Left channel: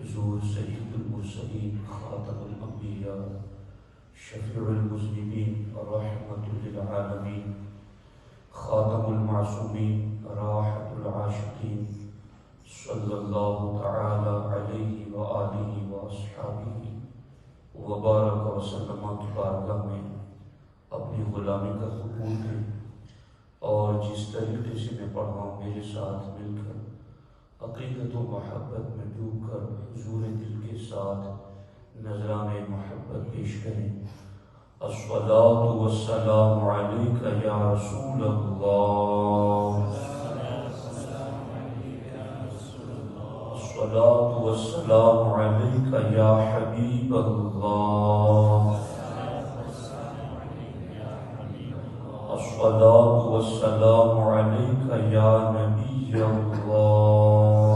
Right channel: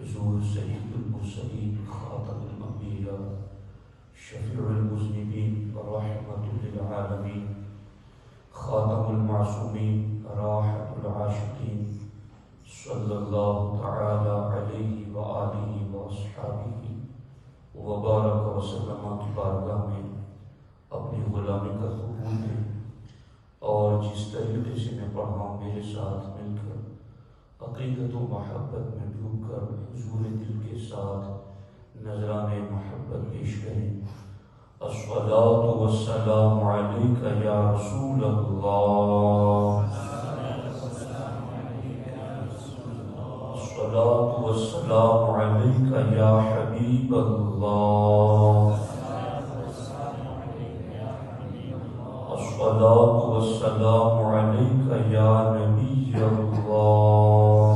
حضور سید المرسلین خاتم الانبیاء شفیع المذنبین رحمت للعالمین خاتم المعصومین راحت العاشقین صلی اللہ تعالی علیہ وآلہ واصحابہ وبارک وسلم کی بارگاہ میں اپنی غلامی کا قبول دیں، اور جس طریقے سے میں پڑھا ہوں میرے ساتھ مل کر عقیدت و محبت میں ڈوب کر حضور دل کے ساتھ نذرانِ محبت پیش کریں۔ الصلاۃ والسلام علیک یا رسول اللہ، الصلاۃ والسلام علیک یا حبیب اللہ، الصلاۃ والسلام علیک یا نبی اللہ،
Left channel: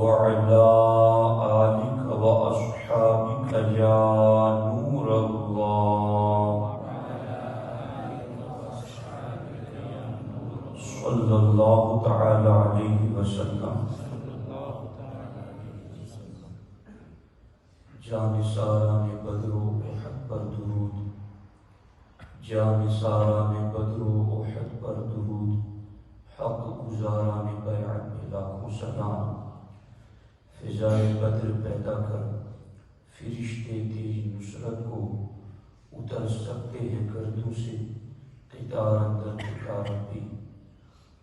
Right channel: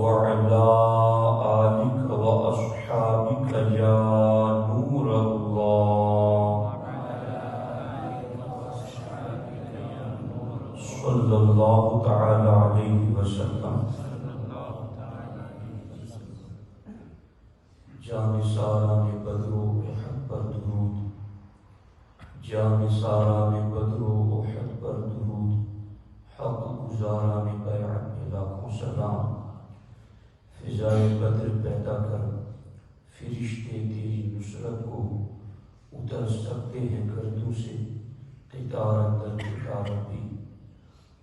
وعلی آلک واصحابک یا نور اللہ، صلی اللہ تعالی علیہ وسلم۔ جان سالان بدر و احد پر درود، جان سالان بدر و احد پر درود، حق گزاران بیعت پہ لاکھوں سلام۔ فضائے بدر پیدا کر فرشتے تیری نصرت کو اتر سکتے ہیں گردوں سے، قطار اندر قطار بھی۔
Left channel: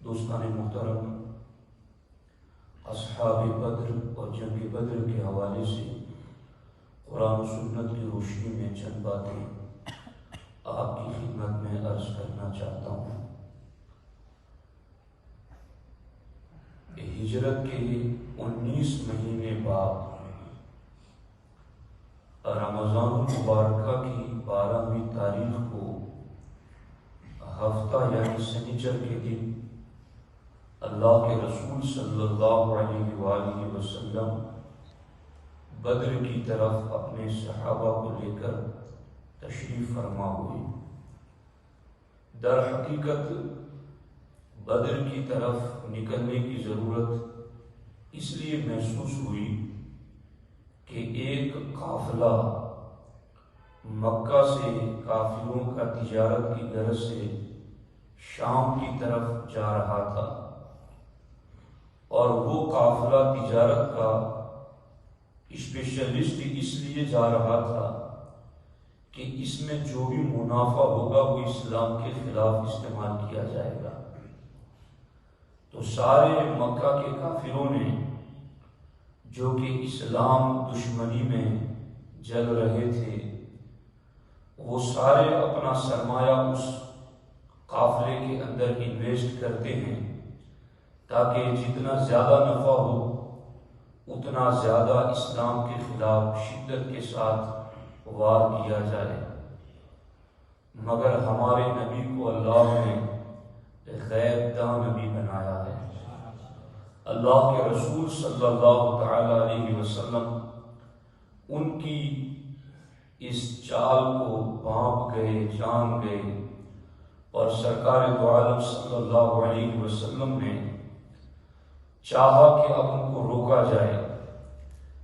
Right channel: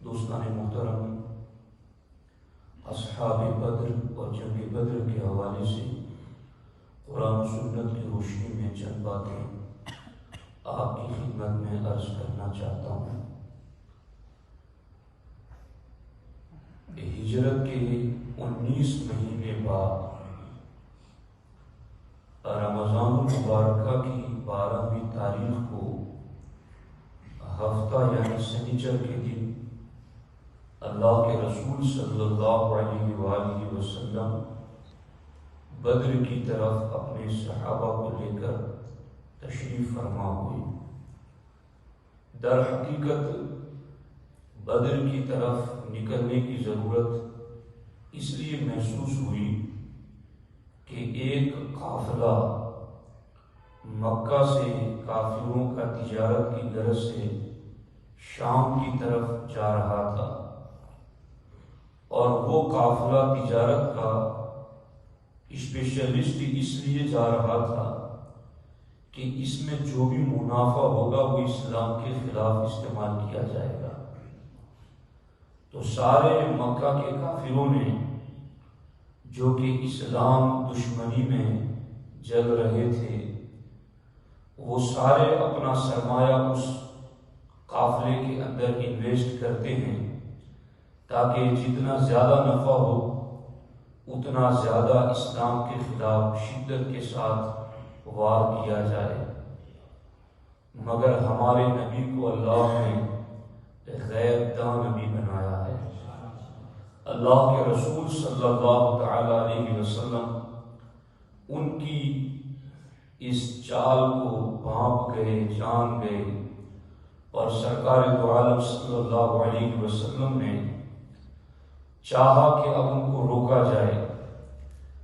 دوستان محترم، اصحاب بدر اور جنگ بدر کے حوالے سے قرآن و سنت کی روشنی میں چند باتیں آپ کی خدمت میں عرض کرنا چاہتا ہوں۔ ہجرت کے 19 مہینے بعد رمضان المبارکہ کی 12ویں تاریخ کو ہفتہ یعنی سنیچر کے دن اللہ کے رسول صلی اللہ علیہ وآلہ وسلم بدر کی طرف اپنے صحابہ کو لے کر تشریف فرما ہوئے۔ در حقیقت بدر کی طرف نکلنے کی ضرورت اس لیے محسوس ہوئی کہ ایک قافلہ مکہ سے کافروں کا تجارت کی غرض سے شام کی طرف جا رہا تھا، اور وہ قافلہ تجارت کا اسپیشلسٹ اس لیے جا رہا تھا کہ اس میں جو بھی منافع ہوگا وہ اسلام کے خلاف استعمال کیا جائے گا۔ تو سارے مکہ کے کافروں نے جو کہ اسلام دشمنی میں جل رہے تھے، وہ سارے اپنا سرمایہ اس قافلے کے اندر انویسٹ کرتے ہیں تاکہ جتنا زیادہ نفع ہو اتنا زیادہ اسلام کے خلاف شدت کے ساتھ وار کیا جائے۔ مگر ہمارے نبی کو اللہ نے غیب داں نبی بنایا ہے۔ اللہ کے رسول صلی اللہ تعالی علیہ وسلم ان کی اس چال کو بھانپ گئے، جان گئے، اور سرکار دو عالم صلی اللہ علیہ وسلم نے چاہا کہ اب ان کو روکا جائے۔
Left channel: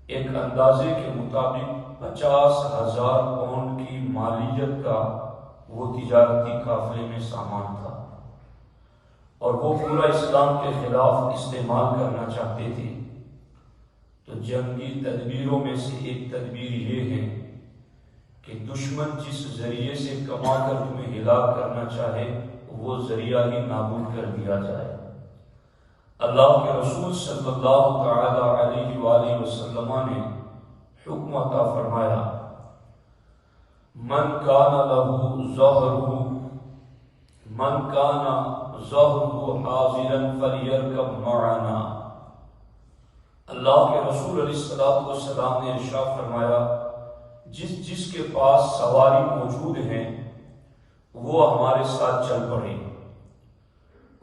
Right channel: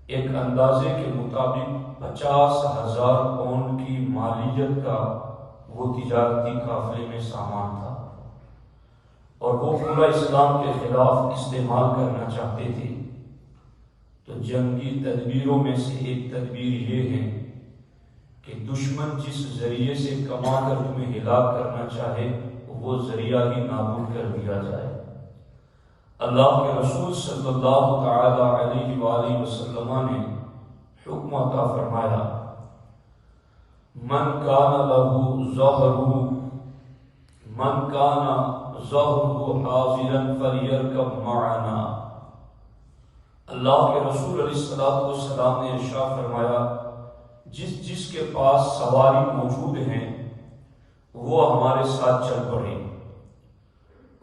ایک اندازے کے مطابق 50,000 پاؤنڈ کی مالیت کا وہ تجارتی قافلے میں سامان تھا، اور وہ پورا اسلام کے خلاف استعمال کرنا چاہتے تھے۔ تو جنگی تدبیروں میں سے ایک تدبیر یہ ہے کہ دشمن جس ذریعے سے کما کر تمہیں ہلاک کرنا چاہے وہ ذریعہ ہی نابود کر دیا جائے۔ اللہ کے رسول صلی اللہ تعالی علیہ وآلہ وسلم نے حکم عطا فرمایا، من کان ظہرہ حاضرا فلیرکب معنا۔ اللہ کے رسول علیہ السلام نے ارشاد فرمایا، جس کے پاس سواری موجود ہیں وہ ہمارے ساتھ چل پڑے۔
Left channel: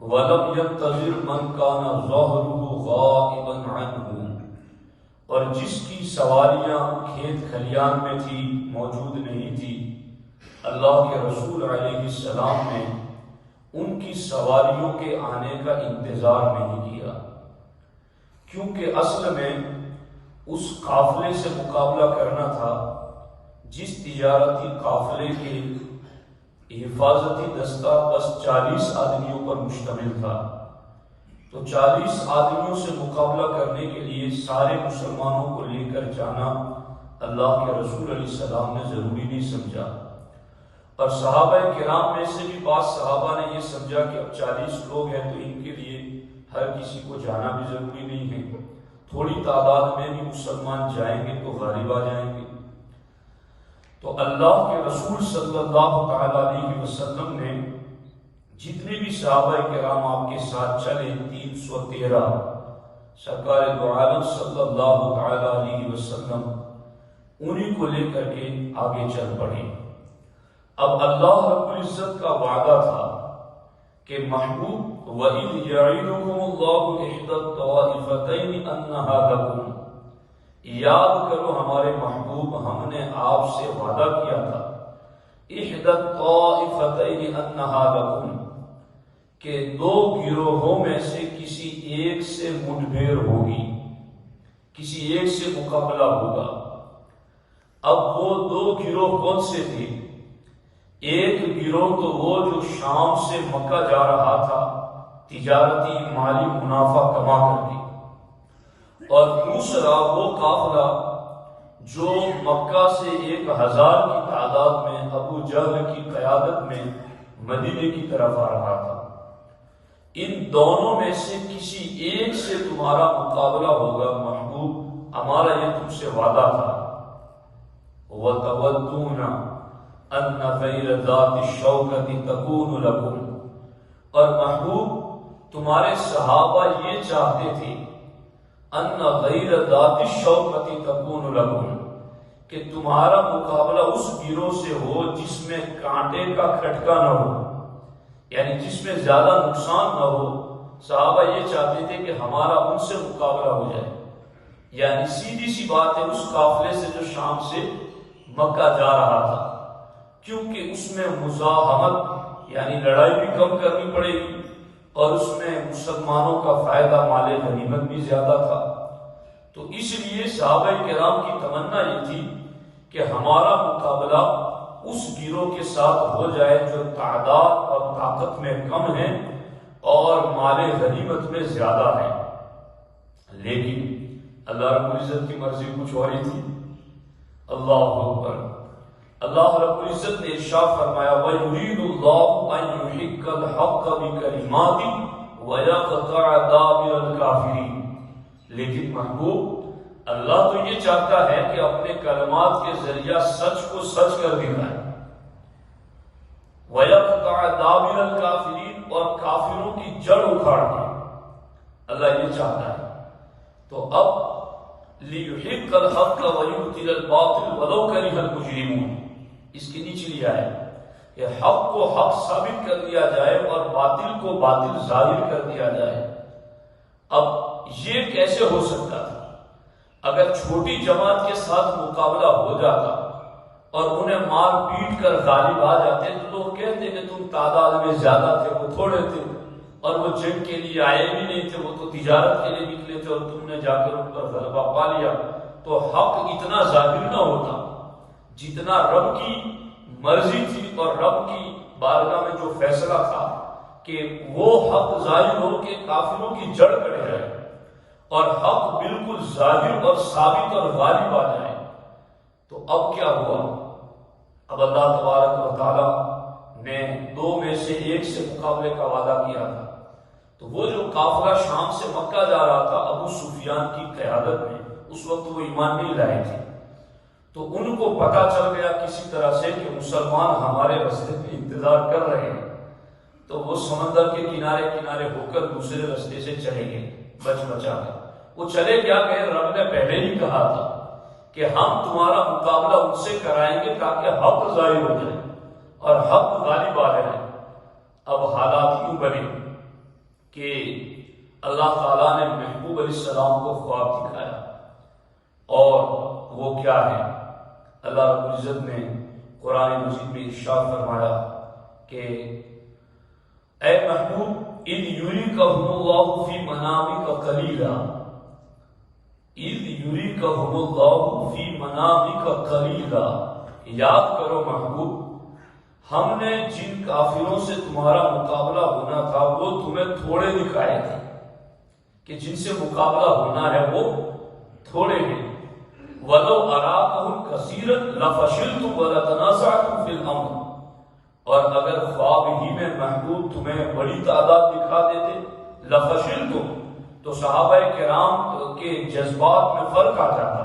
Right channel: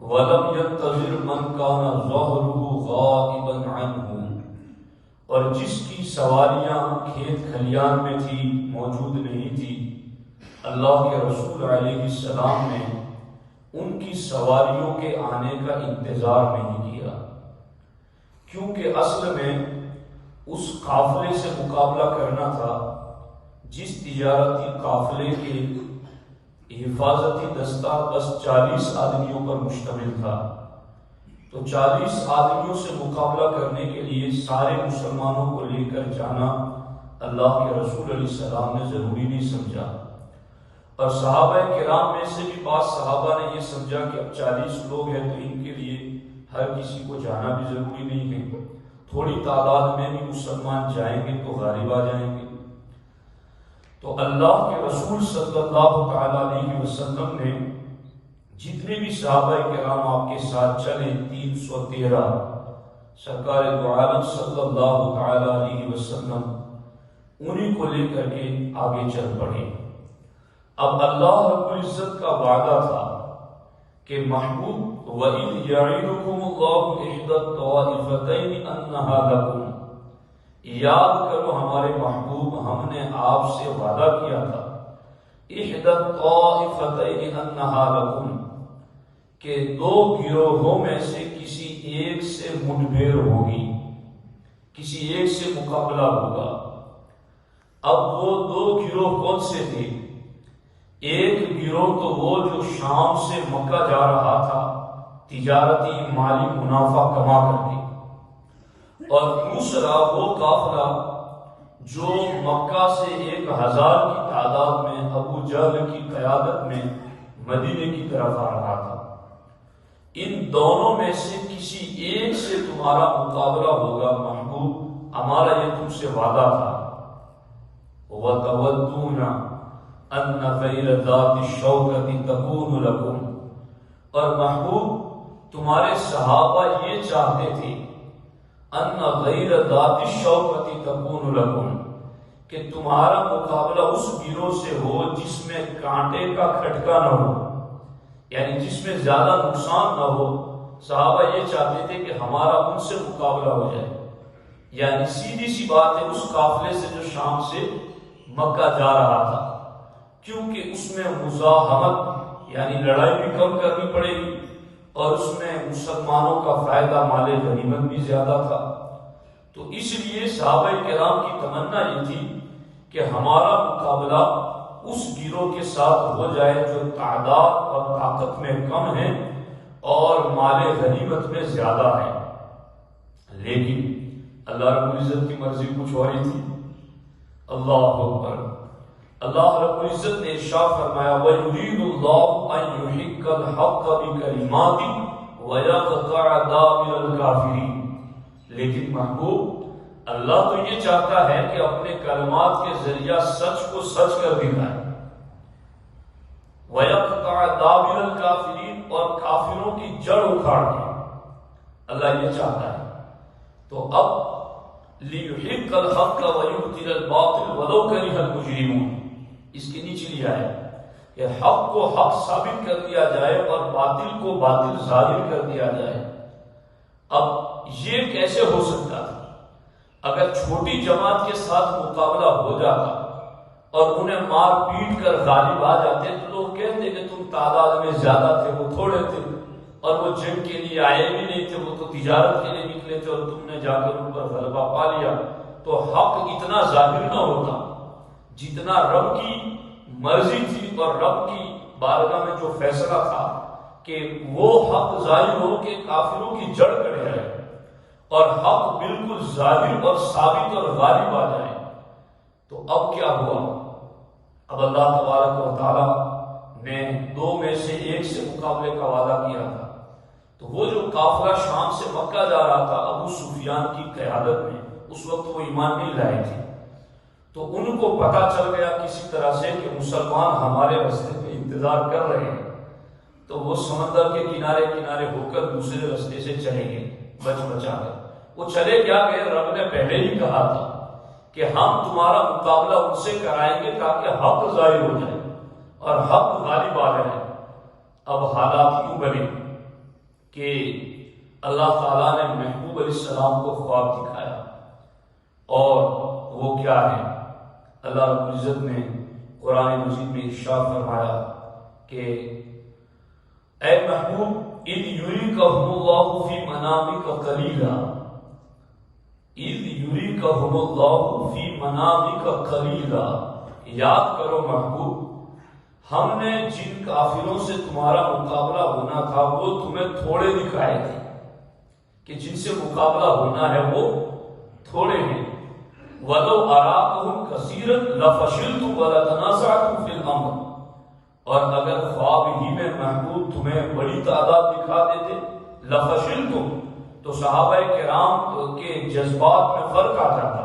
وَلَمْ يَنْتَظِرْ مَنْ كَانَ ظَهْرُهُ غَائِبًا عَنْهُ، اور جس کی سواریاں کھیت کھلیان میں تھی، موجود نہیں تھی، اللہ کے رسول علیہ السلام نے ان کی سواریوں کے آنے کا انتظار نہیں کیا، کیونکہ اصل میں اس قافلے سے مقابلہ کرنا تھا جس تجارتی قافلے کے حفاظتی دستہ بس 40 آدمیوں پر مشتمل تھا، تو 40 آدمیوں سے مقابلہ کرنے کے لیے سارے مسلمانوں کو لے کر جانا اللہ کے رسول علیہ السلام نے ضروری نہیں سمجھا، اور صحابہ کرام میں سے بھی بعض صحابہ نے یہ سمجھا کہ اب 40 لوگ ہیں تو ان کے لیے ہر کسی کو جانا بھی ضروری نہیں ہے، تھوڑی تعداد میں بھی مسلمان جائیں گے تو غالب آ جائیں گے۔ تو اللہ کے رسول صلی اللہ تعالی علیہ وسلم نے جتنے بھی صحابہ کرام آپ کے ساتھ چلے 313 سرکار دو عالم صلی اللہ تعالی علیہ وسلم انہیں کو لے کر کے آگے چل پڑے۔ اب اللہ رب العزت کا وعدہ تھا کہ محبوب وَإِذْ يَعِدُكُمُ اللَّهُ إِحْدَى الطَّائِفَتَيْنِ أَنَّهَا لَكُمْ، یاد کرو ہمارے محبوب، ہم نے آپ سے وعدہ کیا تھا إِحْدَى الطَّائِفَتَيْنِ أَنَّهَا لَكُمْ کہ دو گروہوں میں سے کسی ایک سے منبھیر ہوگی، کسی ایک سے مقابلہ ہوگا۔ اب وہ دو گروہ کون سے تھے؟ ایک گروہ تو وہ جو شام سے مکہ جا رہا تھا تجارتی مالی منافع کما کر کے، اور دوسرا وہ قافلہ جو مکہ سے 1000 کی تعداد میں ابو جہل کی قیادت میں مدینے کی طرف آ رہا تھا۔ ان دونوں میں سے کسی ایک سے تمہارا مقابلہ ہوگا محبوب، ہمارا یہ تم سے وعدہ تھا۔ وَتَوَدُّونَ أَنَّ غَيْرَ ذَاتِ الشَّوْكَةِ تَكُونُ لَكُمْ، اور محبوب تمہارے صحابہ یہ چاہتے تھے أَنَّ غَيْرَ ذَاتِ الشَّوْكَةِ تَكُونُ لَكُمْ کہ تمہارا مقابلہ اس گروہ سے ہو جس میں کانٹے کا کھٹکا نہ ہو، یعنی جس میں زیادہ نقصان نہ ہو۔ صحابہ یہ چاہتے تھے کہ ہمارا ان سے مقابلہ ہو جائے، یعنی سیدھی سی بات ہے اس قافلے سے جو شام سے مکہ جا رہا تھا، کیونکہ اس میں مزاحمت یعنی لڑائی بھی کم کرنی پڑے گی، اور اس میں مسلمانوں کا فائدہ مال غنیمت بھی زیادہ تھا۔ تو اس لیے صحابہ کرام کی تمنا یہ تھی کہ ہمارا مقابلہ اس گروہ کے ساتھ ہو جائے جو تعداد اور طاقت میں کم ہے اور مال غنیمت میں زیادہ ہے۔ لیکن اللہ رب العزت کی مرضی کچھ اور ہی تھی۔ اللہ اکبر۔ اللہ رب العزت نے ارشاد فرمایا وَيُرِيدُ اللَّهُ أَن يُحِقَّ الْحَقَّ بِكَلِمَاتِهِ وَيَقْطَعَ دَابِرَ الْكَافِرِينَ، لیکن محبوب اللہ تو یہ چاہتا ہے کہ اپنے کلمات کے ذریعہ سچ کو سچ کر دکھائے، وَيَقْطَعَ دَابِرَ الْكَافِرِينَ، اور کافروں کی جڑ اکھاڑ دے، اللہ یہ چاہتا ہے۔ تو اب لِيُحِقَّ الْحَقَّ وَيُبْطِلَ الْبَاطِلَ وَلَوْ كَرِهَ الْمُجْرِمُونَ، اس کی نیچلی آئے کہ حق کو حق ثابت کر دیا جائے اور باطل کو باطل ظاہر کر دیا جائے۔ اب یہ کیسے ہو سکتا تھا؟ اگر چھوٹی جماعت کے ساتھ مقابلہ ہو جاتا اور انہیں مار پیٹ کر غالب آ جاتے تو لوگ کہتے کہ تم تعداد میں زیادہ تھے، وہ تھوڑے تھے، اور وہ جنگ کے لیے آئے بھی نہیں تھے، وہ تو تجارت کے لیے نکلے تھے، اور تم نے جا کر ان پر غلبہ پا لیا، تو حق اتنا ظاہر نہ ہوتا جتنا رب کی مرضی تھی اور رب کی بارگاہ میں جو فیصلہ تھا کہ وہ حق ظاہر ہو کہ کافروں کی جڑ کڑے رہے اور حق بالکل ظاہر اور ثابت اور غالب آ جائے۔ تو اب کیا ہوا؟ اب اللہ تبارک و تعالی نے دو میں سے ایک سے مقابلے کا وعدہ کیا تھا، تو وہ جو قافلہ شام سے مکہ جا رہا تھا ابو سفیان کی قیادت میں، اس وقت وہ ایمان نہیں لائے تھے، تو ان کو پتا چل گیا کسی طرح سے کہ مسلمان ہمارے راستے پہ انتظار کر رہے ہیں، تو وہ سمندر کے کنارے کنارے ہو کر دوسرے راستے سے چلے گئے بچا کر۔ وہ چلے کیا گئے؟ رب نے پہلے ہی کہا تھا کہ ہم تمہارا مقابلہ ان سے کرائیں گے تاکہ حق ظاہر ہو جائے اور حق غالب آ جائے۔ اب حالات یوں بنے کہ اللہ تعالیٰ نے محبوب علیہ السلام کو خواب دکھایا، اور وہ کیا ہے؟ اللہ رب العزت نے قرآن مجید میں ارشاد فرمایا کہ اے محبوب اِذْ يُرِيكَهُمُ اللَّهُ فِي مَنَامِكَ قَلِيلًا، اذ یریکہم اللہ فی منامک قلیلا، یاد کرو محبوب، ہم نے جن کافروں سے تمہارا مقابلہ ہونا تھا وہ تمہیں تھوڑے دکھائے تھے، کہ جن سے مقابلہ ہونا ہے وہ تھوڑے ہیں۔ وَلَوْ أَرَاكَهُمْ كَثِيرًا لَفَشِلْتُمْ وَلَتَنَازَعْتُمْ فِي الْأَمْرِ، اور اگر خواب ہی میں محبوب تمہیں بڑی تعداد دکھا دیتے، لَفَشِلْتُمْ، تو صحابہ کرام کے جذبات میں فرق آ جاتا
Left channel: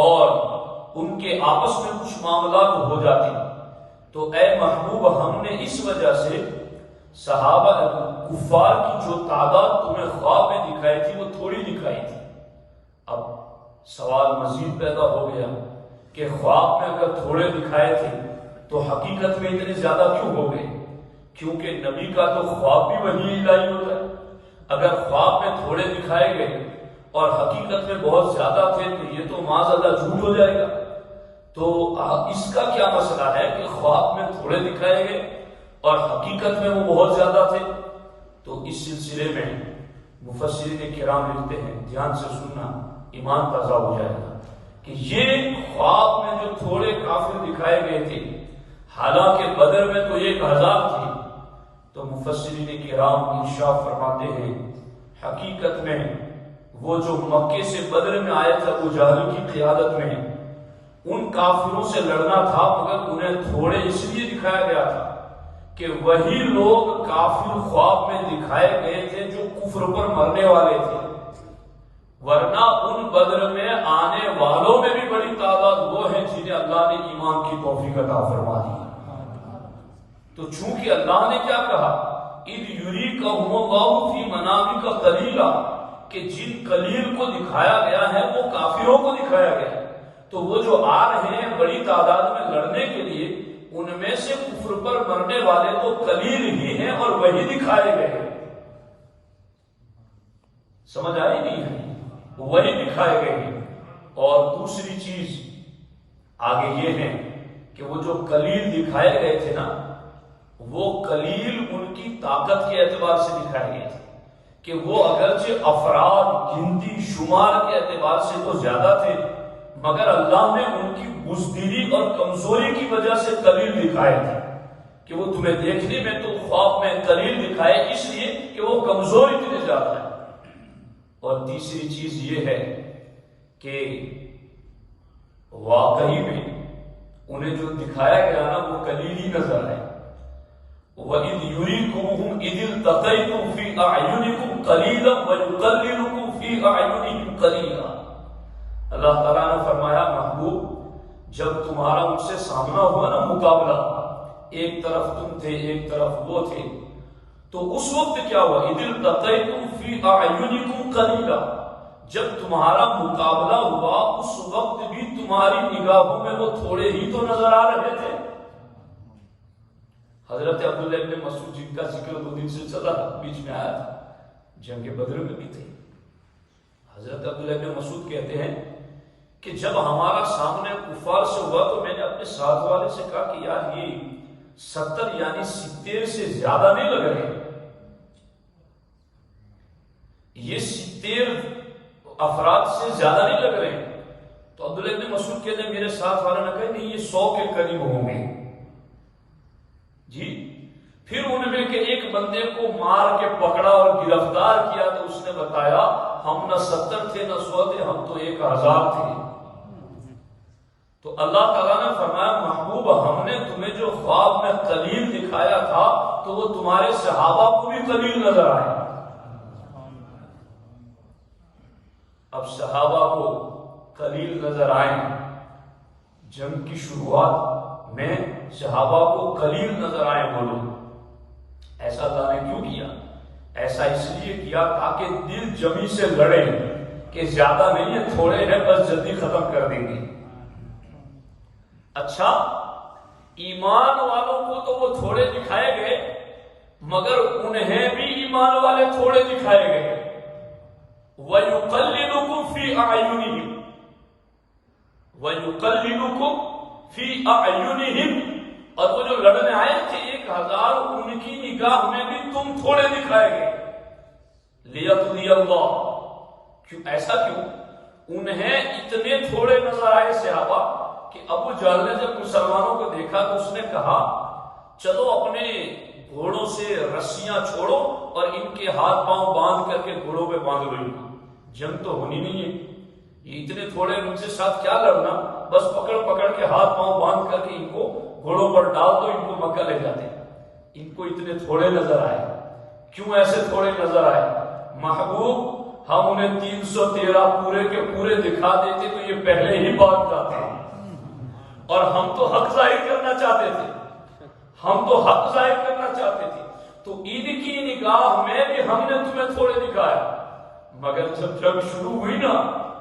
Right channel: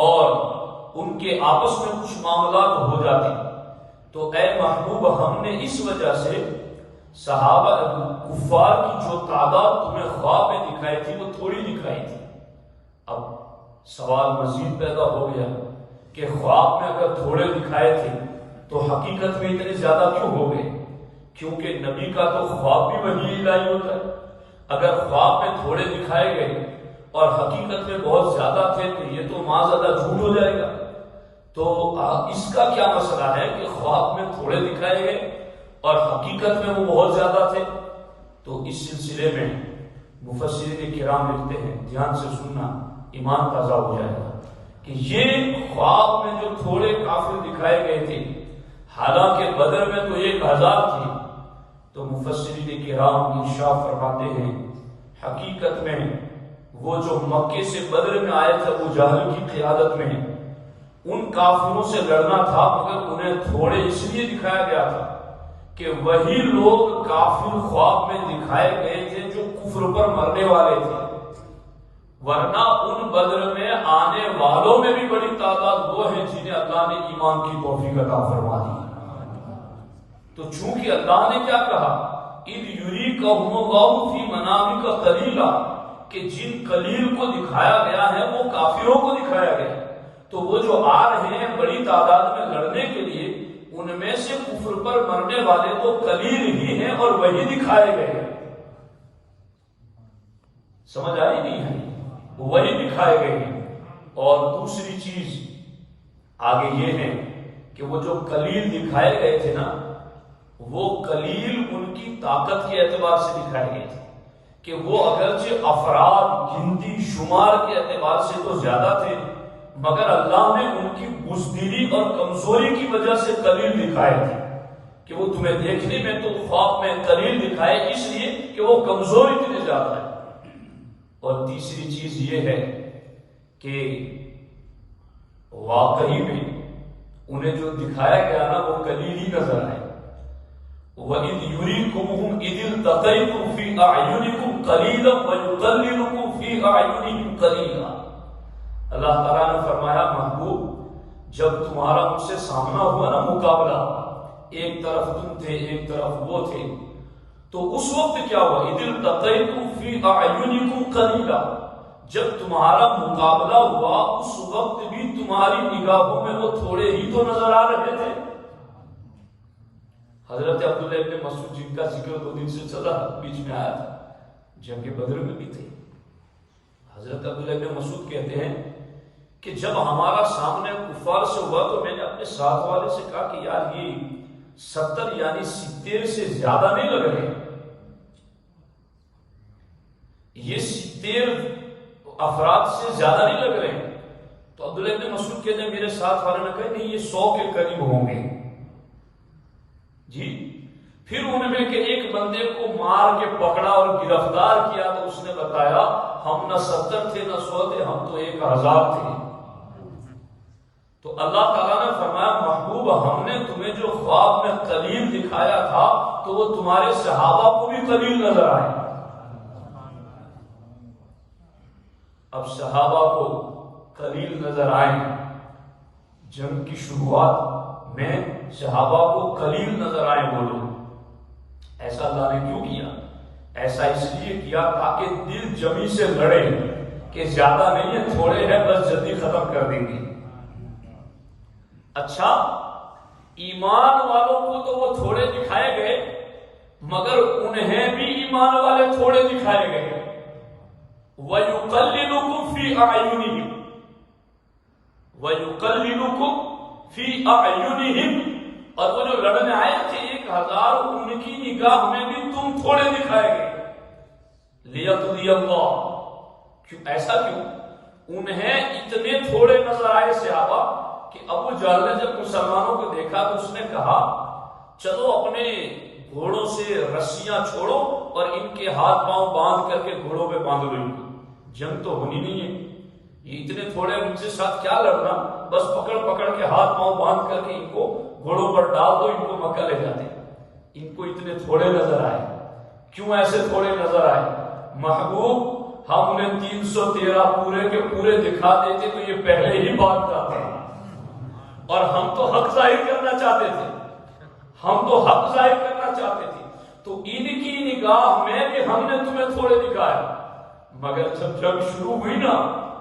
اور ان کے آپس میں کچھ معاملات ہو جاتے۔ تو اے محبوب، ہم نے اس وجہ سے صحابہ کفار کی جو تعداد تمہیں خواب میں دکھائی تھی وہ تھوڑی دکھائی تھی۔ اب سوال مزید پیدا ہو گیا کہ خواب میں اگر تھوڑے دکھائے تھے تو حقیقت میں اتنے زیادہ کیوں ہو گئے؟ کیونکہ نبی کا تو خواب بھی وحی الہی ہوتا ہے۔ اگر خواب میں تھوڑے دکھائے گئے اور حقیقت میں بہت زیادہ تھے تو یہ تو معاذ اللہ جھوٹ ہو جائے گا۔ تو اس کا کیا مسئلہ ہے کہ خواب میں تھوڑے دکھائے گئے اور حقیقت میں وہ بہت زیادہ تھے؟ تو اس سلسلے میں مفسرین کرام لکھتے ہیں، دھیان سے سننا، ایمان تازہ ہو جائے گا، کہ یہ خواب میں جو تھوڑے کافر دکھائے گئے تھے، حالانکہ بدر میں تو 1000 تھے، تو مفسرین کرام ارشاد فرماتے ہیں حقیقت میں وہ جو مکے سے بدر میں آئے تھے ابو جہل کی قیادت میں، ان کافروں سے لڑنا تھا، مگر انہیں تھوڑے اس لیے دکھایا گیا تھا کہ وہی لوگ کافر خواب میں دکھائے گئے تھے جو کفر پر مرنے والے تھے، ورنہ ان بدر میں آنے والوں میں بھی بڑی تعداد وہ ہیں جنہیں اللہ نے ایمان کی توفیق عطا فرما دی۔ تو چونکہ اللہ نے کیا کہا، اذ یریکہم اللہ فی منامک قلیلا، کہ جن قلیل کو دکھایا گیا ہے وہ کافروں کو دکھایا گیا ہے، تو وہ جو آ رہے ہیں بڑی تعداد میں لڑنے کے لیے، ان میں سے کفر پر مرنے والے تو قلیل ہی ہیں اور وہی دکھائے گئے ہیں۔ سمجھ آئی نہیں ہے؟ وہی دکھائے گئے ہیں۔ اور دوسری چیز آگے یہ ہے کہ وہ جو قلیل دکھائے گئے تھے نا، وہ قلیل ان کی طاقت کے اعتبار سے دکھائے گئے تھے، کہ وہ اگرچہ افراد گنتی شمار کے اعتبار سے تو زیادہ تھے، مگر اللہ نے ان کی بزدلی اور کمزوری کی وجہ سے قلیل دکھائے تھے، کہ وہ تمہیں دیکھنے میں تو خواب میں قلیل دکھائے اس لیے کہ وہ کمزور اتنے زیادہ ہے۔ اور تیسری چیز یہ ہے کہ واقعی میں انہیں جو دکھایا گیا نا وہ قلیل ہی نظر آئے۔ وَإِذْ يُرِيكُمُهُمْ إِذِ الْتَقَيْتُمْ فِي أَعْيُنِكُمْ قَلِيلًا وَيُقَلِّلُكُمْ فِي أَعْيُنِهِمْ قَلِيلًا۔ اللہ تعالیٰ نے فرمایا محبوب، جب تمہارا مجھ سے سامنا ہوا نا مقابلہ، ایک طرف تم تھے ایک طرف وہ تھے، تو اس وقت کیا ہوا، اذ التقیتم فی اعینکم قلیلا، جب تمہارا مقابلہ ہوا اس وقت بھی تمہاری نگاہوں میں وہ تھوڑے ہی تو نظر آ رہے تھے۔ حضرت عبداللہ ابن مسعود جن کا ذکر 2 دن سے چلا بیچ میں آیا تھا، جنگ بدر میں بھی تھے۔ حضرت عبداللہ ابن مسعود کہتے ہیں کہ جب ہمارا سامنے کفار سے ہوا تو میں نے اپنے ساتھ والے سے کہا کہ یار یہ 70 یعنی 70 سے زیادہ نہیں لگ رہے، یہ 70 افراد سے زیادہ نہیں لگ رہے۔ تو عبداللہ ابن مسعود کہتے ہیں میرے ساتھ والے نے کہا نہیں یہ 100 کے قریب ہوں گے جی۔ پھر انہوں نے کہ ایک بندے کو مار کے پکڑا اور گرفتار کیا تو اس نے بتایا ہم نہ 70 تھے نہ 100 تھے، ہم تو 1000 تھے۔ تو اللہ تعالیٰ نے فرمایا محبوب ہم نے تمہیں جو خواب میں قلیل دکھایا تھا تو وہ تمہارے صحابہ کو بھی قلیل نظر آئے۔ اب صحابہ کو قلیل نظر آئے، جنگ کی شروعات میں صحابہ کو قلیل نظر آئے وہ لوگ، ایسا اللہ نے کیوں کیا؟ ایسا اس لیے کیا تاکہ دل جمی سے لڑے کہ زیادہ نہیں ہے تھوڑے ہیں بس جلدی ختم کر دیں گے۔ اچھا ایمان والوں کو تو وہ تھوڑے دکھائے گئے مگر انہیں بھی ایمان والے تھوڑے دکھائے گئے۔ وَيُقَلِّلُكُمْ فِي أَعْيُنِهِمْ وَيُقَلِّلُكُمْ فِي أَعْيُنِهِمْ، اور وہ جو لڑنے آئے تھے 1000 ان کی نگاہ میں بھی تم تھوڑے دکھائے گئے۔ لِيَقْضِيَ اللَّهُ، ایسا کیوں؟ انہیں اتنے تھوڑے نظر آئے صحابہ کہ ابو جہل نے جب مسلمانوں کو دیکھا تو اس نے کہا چلو اپنے گھوڑوں سے رسیاں چھوڑو اور ان کے ہاتھ پاؤں باندھ کر کے گھوڑوں پہ باندھ لو. جنگ تو ہونی نہیں ہے، یہ اتنے تھوڑے ان کے ساتھ کیا لڑنا، بس پکڑ پکڑ کے ہاتھ پاؤں باندھ کر کے ان کو گھوڑوں پر ڈال دو، ان کو مکہ لے جاتے. ان کو اتنے تھوڑے نظر آئے. کیوں ایسے تھوڑے نظر آئے؟ محبوب ہم انہیں 313 پورے کے پورے دکھا دیتے تو یہ پہلے ہی بات جاتے ہیں، اور ہم تو حق ظاہر کرنا چاہتے تھے، ہم تو حق ظاہر کرنا چاہتے تھے. تو ان کی نگاہ میں بھی ہم نے تمہیں تھوڑے دکھائے. مگر جب جنگ شروع ہوئی نا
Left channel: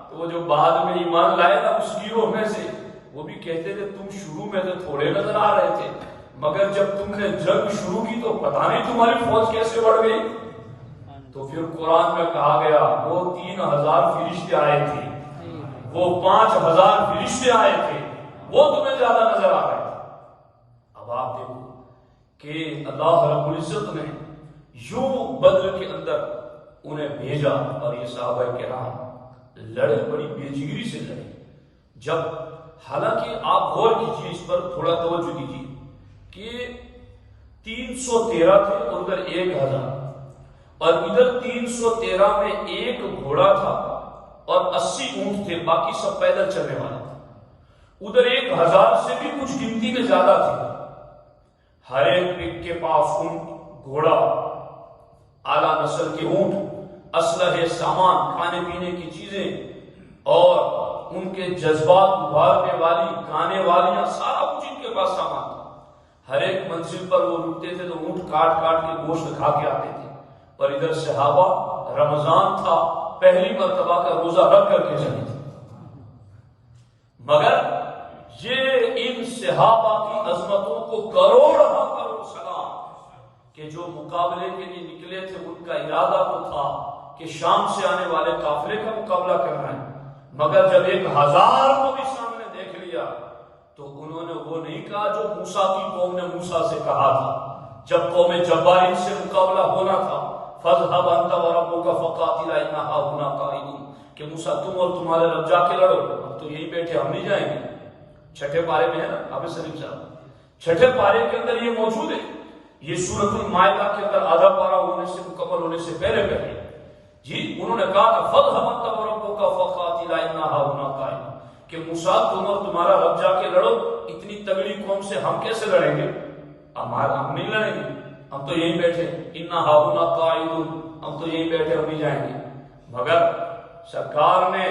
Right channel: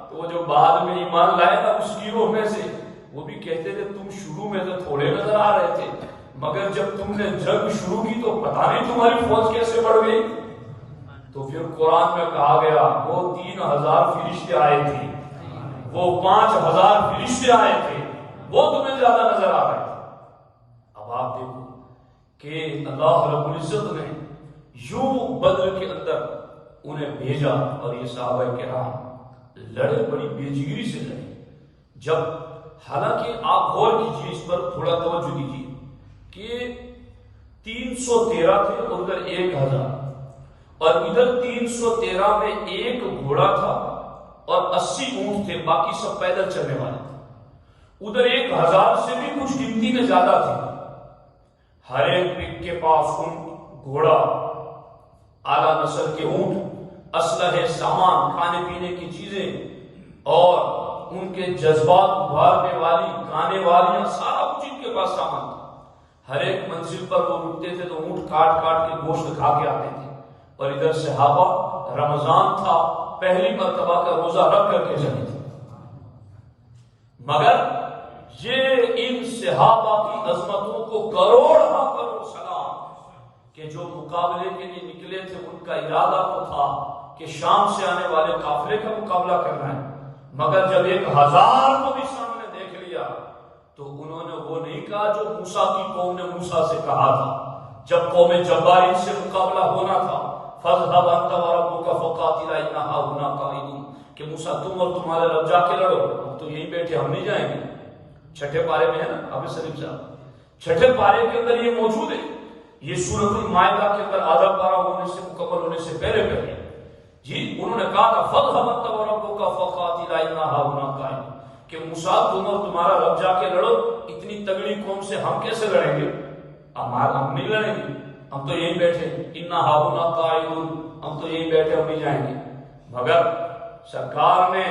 تو وہ جو بعد میں ایمان لائے نا اس گروہ میں سے، وہ بھی کہتے تھے تم شروع میں تو تھوڑے نظر آ رہے تھے، مگر جب تم نے جنگ شروع کی تو پتہ نہیں تمہاری فوج کیسے بڑھ گئی. تو پھر قرآن میں کہا گیا وہ 3000 فرشتے آئے تھے، وہ 5000 فرشتے آئے تھے، وہ تمہیں زیادہ نظر آ رہے تھے. اب آپ دیکھو کہ اللہ رب العزت نے یوں بدر کے اندر انہیں بھیجا، اور یہ صحابہ کرام لڑے، بڑی بےجگری سے لڑے. جب حالانکہ آپ غور کیجیے، اس پر تھوڑا توجہ دیجیے کہ 313 تھے اور ادھر 1000، اور ادھر 313 میں ایک گھوڑا تھا اور 80 اونٹ تھے، باقی سب پیدل چلنے والے تھے. ادھر 1000 سے بھی کچھ گنتی میں زیادہ تھے. ہر ایک کے پاس اونٹ، گھوڑا، اعلیٰ نسل کے اونٹ، اسلحے، سامان، کھانے پینے کی چیزیں، اور ان کے جذبات ابھارنے والی گانے والیاں، سارا کچھ ان کے پاس سامان تھا. ہر ایک منزل پر وہ رکتے تھے تو اونٹ کاٹ کاٹ کے گوشت کھا کے آتے تھے. اور ادھر صحابہ، رمضان تھا، پہلی مرتبہ کا روزہ رکھ کر کے چلے تھے. مگر یہ ان صحابہ کی عظمتوں کو کروڑ سلام کہ جو مقابلے کے لیے نکلے تھے، ان کا ارادہ تو تھا کہ شام سے آنے والے قافلے کا مقابلہ کرنا ہے. مگر جب 1000 کو بھی سامنے دیکھ لیا تو انہوں نے وہ نہیں کہا جو موسیٰ کی قوم نے موسیٰ سے کہا تھا جب قوم جبارین سے مقابلہ ہونا تھا، فَاذْهَبْ أَنْتَ وَرَبُّكَ فَقَاتِلَا إِنَّا هَاهُنَا قَاعِدُونَ، کہ موسیٰ تم اور تمہارے رب جا کے لڑو، اب تو یہیں بیٹھے، ہم نہیں جائیں گے. چھٹے پارے میں ہے نا حافظ سلیم صاحب، چھٹے پارے کے اندر یہ موجود ہے. یہ سورۃ المائدہ کے اندر آدھا پارہ ہونے سے مکمل ہونے سے پہلے جی انہوں نے کہا کہ فَاذْهَبْ أَنْتَ وَرَبُّكَ فَقَاتِلَا إِنَّا هَاهُنَا قَاعِدُونَ، کہ موسیٰ تم اور تمہارا رب جا کے لڑو، اتنی تگڑی قوم سے ہم کیسے لڑیں گے، ہم نہیں لڑیں گے، ہم تو یہیں بیٹھے، اِنَّا هَاهُنَا قَاعِدُونَ، ہم تو یہیں بیٹھے، ہم نہیں جائیں گے. مگر سرکار نے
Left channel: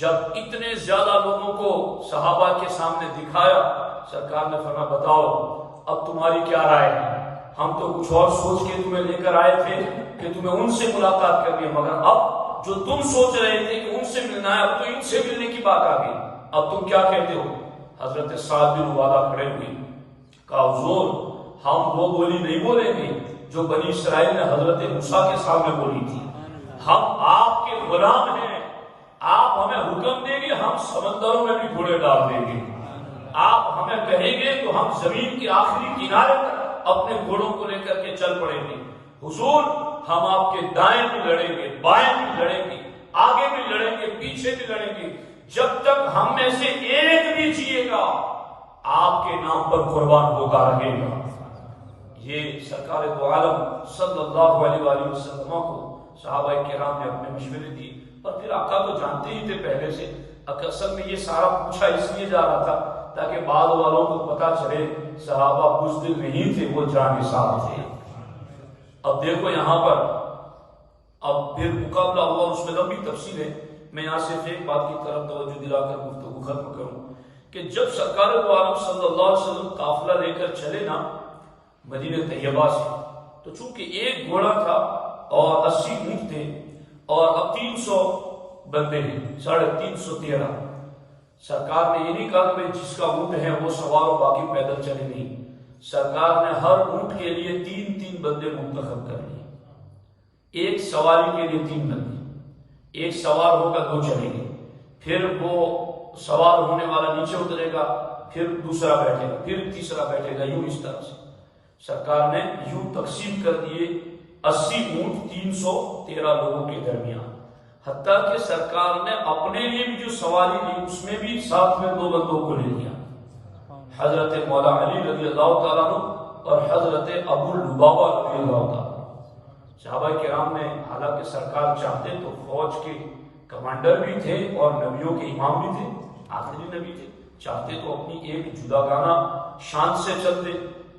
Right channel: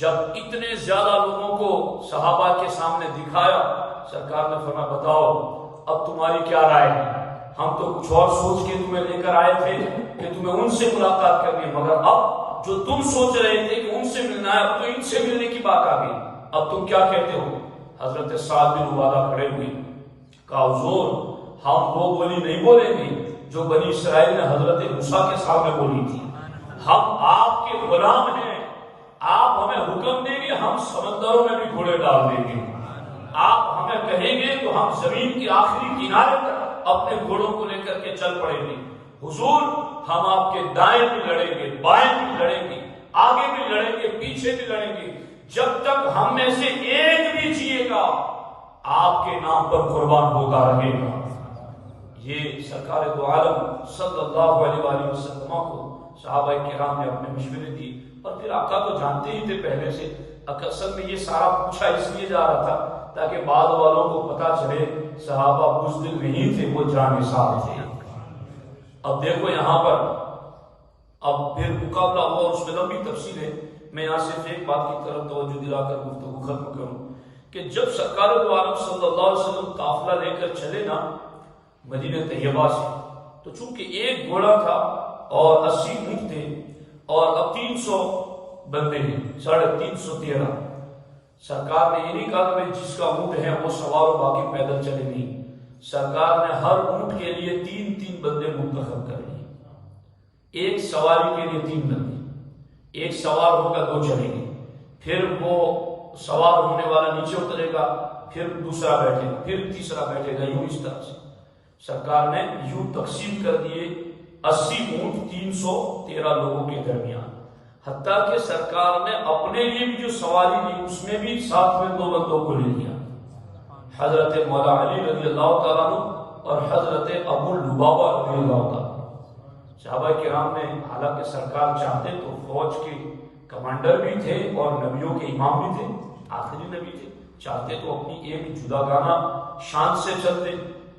جب اتنے زیادہ لوگوں کو صحابہ کے سامنے دکھایا، سرکار نے فرمایا بتاؤ اب تمہاری کیا رائے ہے. ہم تو کچھ اور سوچ کے تمہیں لے کر آئے تھے کہ تمہیں ان سے ملاقات کرنی ہے، مگر اب جو تم سوچ رہے تھے کہ ان سے ملنا ہے، اب تو ان سے ملنے کی بات آ گئی، اب تم کیا کہتے ہو. حضرت سعد بن عبادہ کھڑے ہوئے، کہا حضور ہم وہ بولی نہیں بولیں گے جو بنی اسرائیل نے حضرت موسیٰ کے سامنے بولی تھی. ہم آپ کے غلام ہیں، آپ ہمیں حکم دیں گے ہم سمندروں میں بھی گھوڑے ڈال دیں گے، آپ ہمیں کہیں گے تو ہم زمین کے آخری کنارے پر اپنے گھوڑوں کو لے کر کے چل پڑیں گے. حضور ہم آپ کے دائیں بھی لڑیں گے، بائیں بھی لڑیں گے، آگے بھی لڑیں گے، پیچھے بھی لڑیں گے، جب تک ہم میں سے ایک بھی جیے گا آپ کے نام پر قربان ہوگا رہے گا. یہ سرکار دو عالم صلی اللہ علیہ وآلہ وسلم کو صحابہ کرام نے اپنے مشورے دی. اور پھر آقا تو جانتے ہی تھے پہلے سے، اصل میں یہ سارا پوچھا اس لیے جا رہا تھا تاکہ بعد والوں کو پتا چلے صحابہ بزدل نہیں تھے، وہ جانصاف تھے. اب دیکھو یہاں پر اب پھر مقابلہ ہوا اور اس میں لمبی تفصیل ہے. میں یہاں صرف ایک بات کی طرف توجہ دلا کر گفتگو ختم کروں کہ جب سرکار دو عالم صلی اللہ علیہ وسلم قافلہ لے کر چلے نا مدینہ طیبہ سے، تو چونکہ ایک گھوڑا تھا اور 80 اونٹ تھے اور اب 300 بندے ہیں، 313. سرکار نے یہ نہیں کہا کہ جس کا اونٹ ہے وہ سوار و باقی پیدل چلے، نہیں، سرکار نے ہر اونٹ کے لیے 3 بندے منتخب کر لیے. ایک سواری کے لیے 3 بندے، ایک سوار ہوگا 2 چلیں گے، پھر وہ سوار ہونے والا نیچے اترے گا، پھر دوسرا بیٹھے گا، پھر تیسرا بیٹھے گا، یوں اس طرح سے سرکار نے یوں تقسیم کر دیے 80 اونٹ 313 لوگوں کے درمیان. حتیٰ کہ سرکار نے اپنے لیے بھی جو سواری لی اس میں بھی ساتھ میں 2 بندوں کو لے لیا، حضرت مولا علی رضی اللہ تعالیٰ عنہ اور حضرت ابو لبابہ رضی اللہ تعالیٰ عنہ۔ صحابہ کرام نے، حالانکہ سرکار چاہتے تو فوج کے کمانڈر بھی تھے اور نبیوں کے امام بھی تھے، آخری نبی تھے، چاہتے تو اپنی ایک جداگانہ شان سے چلتے،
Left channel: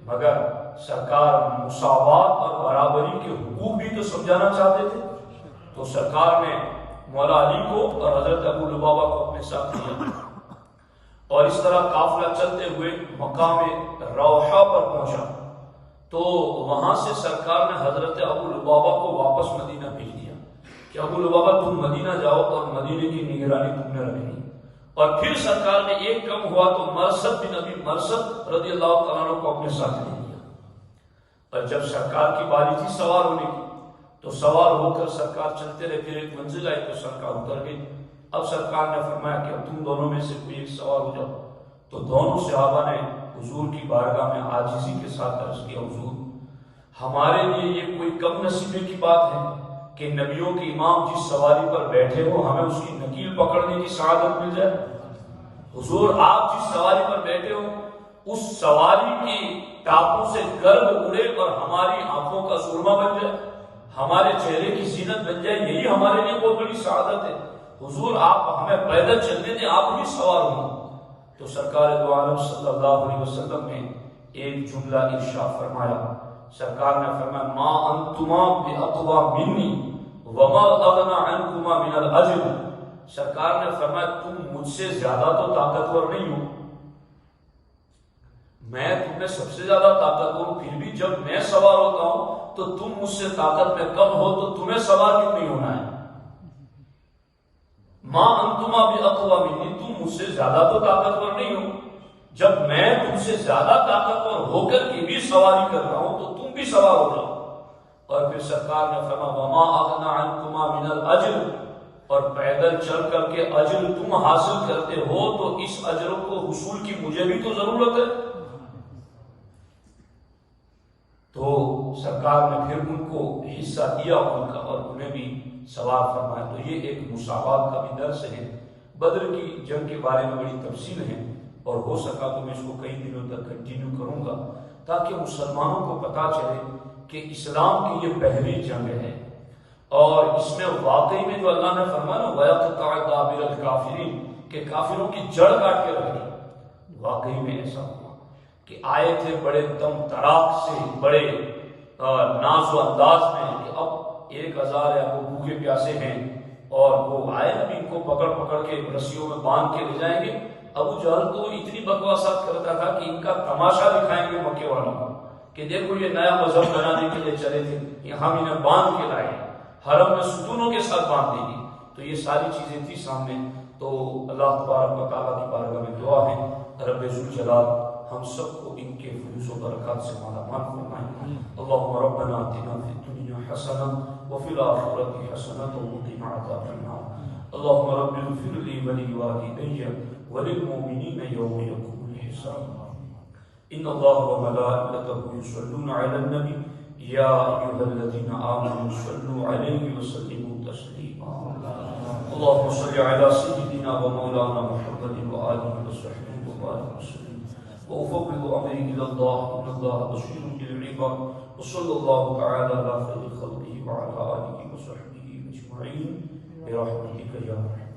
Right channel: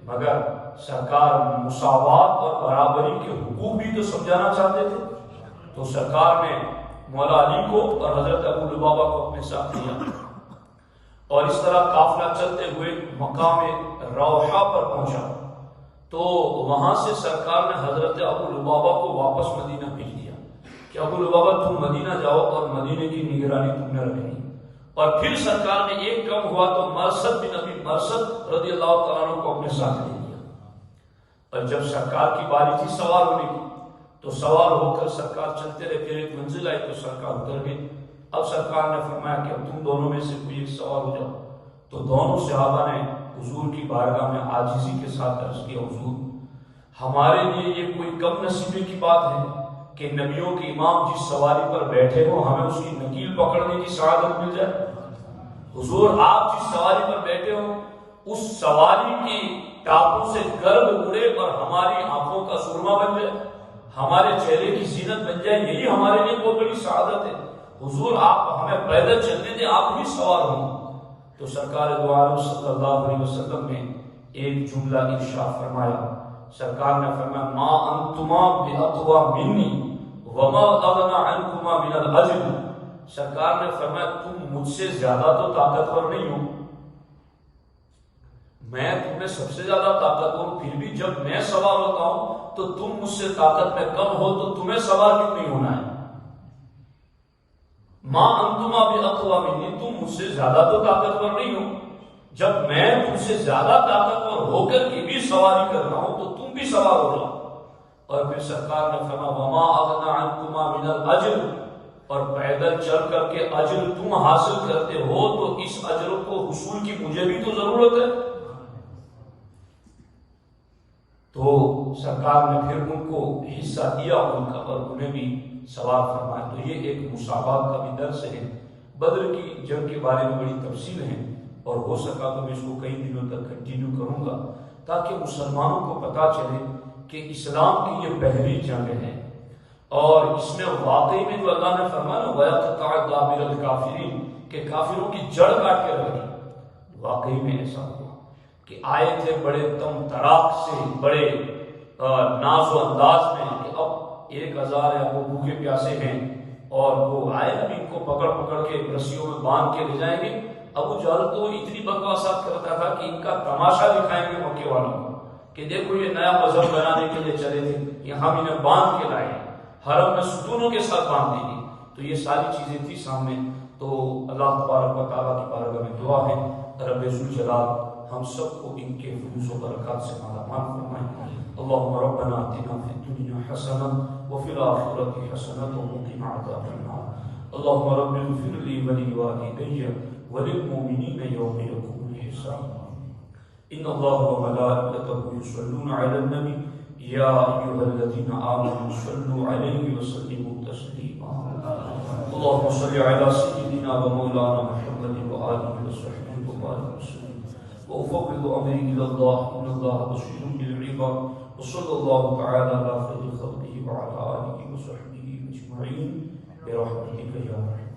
مگر سرکار مساوات اور برابری کے حقوق بھی تو سمجھانا چاہتے تھے، تو سرکار نے مولا علی کو اور حضرت ابو لبابہ کو اپنے ساتھ لیا، اور اس طرح قافلہ چلتے ہوئے مقام روحہ پر پہنچا، تو وہاں سے سرکار نے حضرت ابو لبابہ کو واپس مدینہ بھیج دیا کہ ابو لبابہ تم مدینہ جاؤ اور مدینے کی نگرانی تم نے رکھنی۔ اور پھر سرکار نے ایک کم ہوا تو مرثد بن ابی مرثد رضی اللہ تعالیٰ عنہ کو اپنے ساتھ لے لیا، اور جب سرکار کی باری تھی سوار ہونے کی تو سوار ہو کر سرکار چلتے رہے، پھر ایک منزل آئی تو سرکار اتر گئی۔ اب سرکار نے فرمایا کہ اب تم دونوں میں سے کوئی ایک سوار ہو جاؤ، تو دونوں صحابہ نے حضور کی بارگاہ میں عاجزی کے ساتھ عرض کیا، حضور ہمارے لیے یہ کوئی کم نصیبے کی بات ہے کہ نبیوں کے امام جس سواری پر بیٹھے ہو ہمیں اس کی نکیل پکڑنے کی سعادت مل جائے؟ حضور آپ جس سواری پر بیٹھے ہو اس سواری کی ٹاپوں سے گرد اڑے اور ہماری آنکھوں کا سرما بن جائے، ہمارے چہرے کی زینت بن جائے، یہی ہمارے لیے بہت بڑی سعادت ہے۔ حضور آپ ہمیں پیدل چلنے دیں، آپ بھی سوار ہوں۔ تو سرکار دو عالم صلی اللہ علیہ وسلم نے ایک جملہ ارشاد فرمایا، سرکار نے فرمایا ما انتما باقوا منی وما اغنى عنكما من الاجر، سرکار نے فرمایا تم مجھ سے زیادہ تو طاقتور نہیں ہو، میں تم میں سب سے زیادہ طاقتور ہوں، پھر بھی جب میں سوار ہوتا ہوں تو تم مجھ سے طاقت میں کم ہو تو تمہیں سوار کیوں نہیں ہونا ہے؟ ما انتما باقوا منی، تم مجھ سے زیادہ تو طاقتور نہیں ہو، جب میں تم سے زیادہ طاقتور ہو کر کے بھی سواری کرتا ہوں تو تم بھی سوار ہو جاؤ۔ اور پھر سرکار نے فرمایا وما اغنى عنكما من الاجر، اور پیدل چل کر کے اجر تم حاصل کرتے ہو تو اس اجر کو حصول کی مجھے بھی تو ضرورت ہے۔ تو سرکار نے پھر ان کو حصہ دیا ان کا اور انہیں بھی سوار فرمایا۔ تو یہ ایک مساوات کا بھی درس ہے۔ بدر کی جنگ کے بارے میں بڑی تفصیل ہے اور ہو سکا تو میں اس کو کئی دنوں تک کنٹینیو کروں گا تاکہ مسلمانوں کو پتا چلے کہ اسلام کی یہ پہلی جنگ ہے، اور اس میں واقعی میں جو اللہ نے فرمایا وَيَقْطَعَ دَابِرَ الْكَافِرِينَ کہ کافروں کی جڑ کاٹ کے رکھ دی، واقعی میں ایسا ہوا کہ آئے تھے بڑے تم تراک سے، بڑے ناز و انداز میں کہ اب 1000 ہے، وہ بھوکے پیاسے ہیں اور وہ آئے اب ان کو پکڑ پکڑ کے رسیوں میں باندھ کے لے جائیں گے۔ ابو جہل تو اتنی بکواسات کرتا تھا کہ ان کا تماشا دکھائیں گے مکے والوں کو کہ دیکھو یہ نیا مذہب بنانے کے لیے چلے تھے، یہاں انہیں باندھ کے لائے، حرم میں ستونوں کے ساتھ باندھ دیں گے۔ تو یہ ساری چیزیں تھی سامنے۔ تو اللہ تبارک و تعالیٰ کی بارگاہ میں دعا ہے رب ذوالجلال ہم سب کو ان کے فیوز و برکات سے مالا مال فرمائے۔ اللہم ربنا آتنا فی الدنیا حسنہ وفی الآخرۃ حسنہ وقنا عذاب النار۔ اللہم رب اغفر لی ولوالدی وللمؤمنین یوم یقوم الحساب۔ ان اللہ وملائکتہ یصلون علی النبی یا ایھا الذین آمنوا صلوا علیہ وسلموا تسلیما۔ اللہم صل علی سیدنا و مولانا محمد وآلہ وصحبہ وبارک وسلم۔ وأفوض أمري إلى الله إن الله بصير بالعباد وصلى الله تعالى على خير خلقه وعلى آله وصحبه أجمعين برحمتك يا رحمن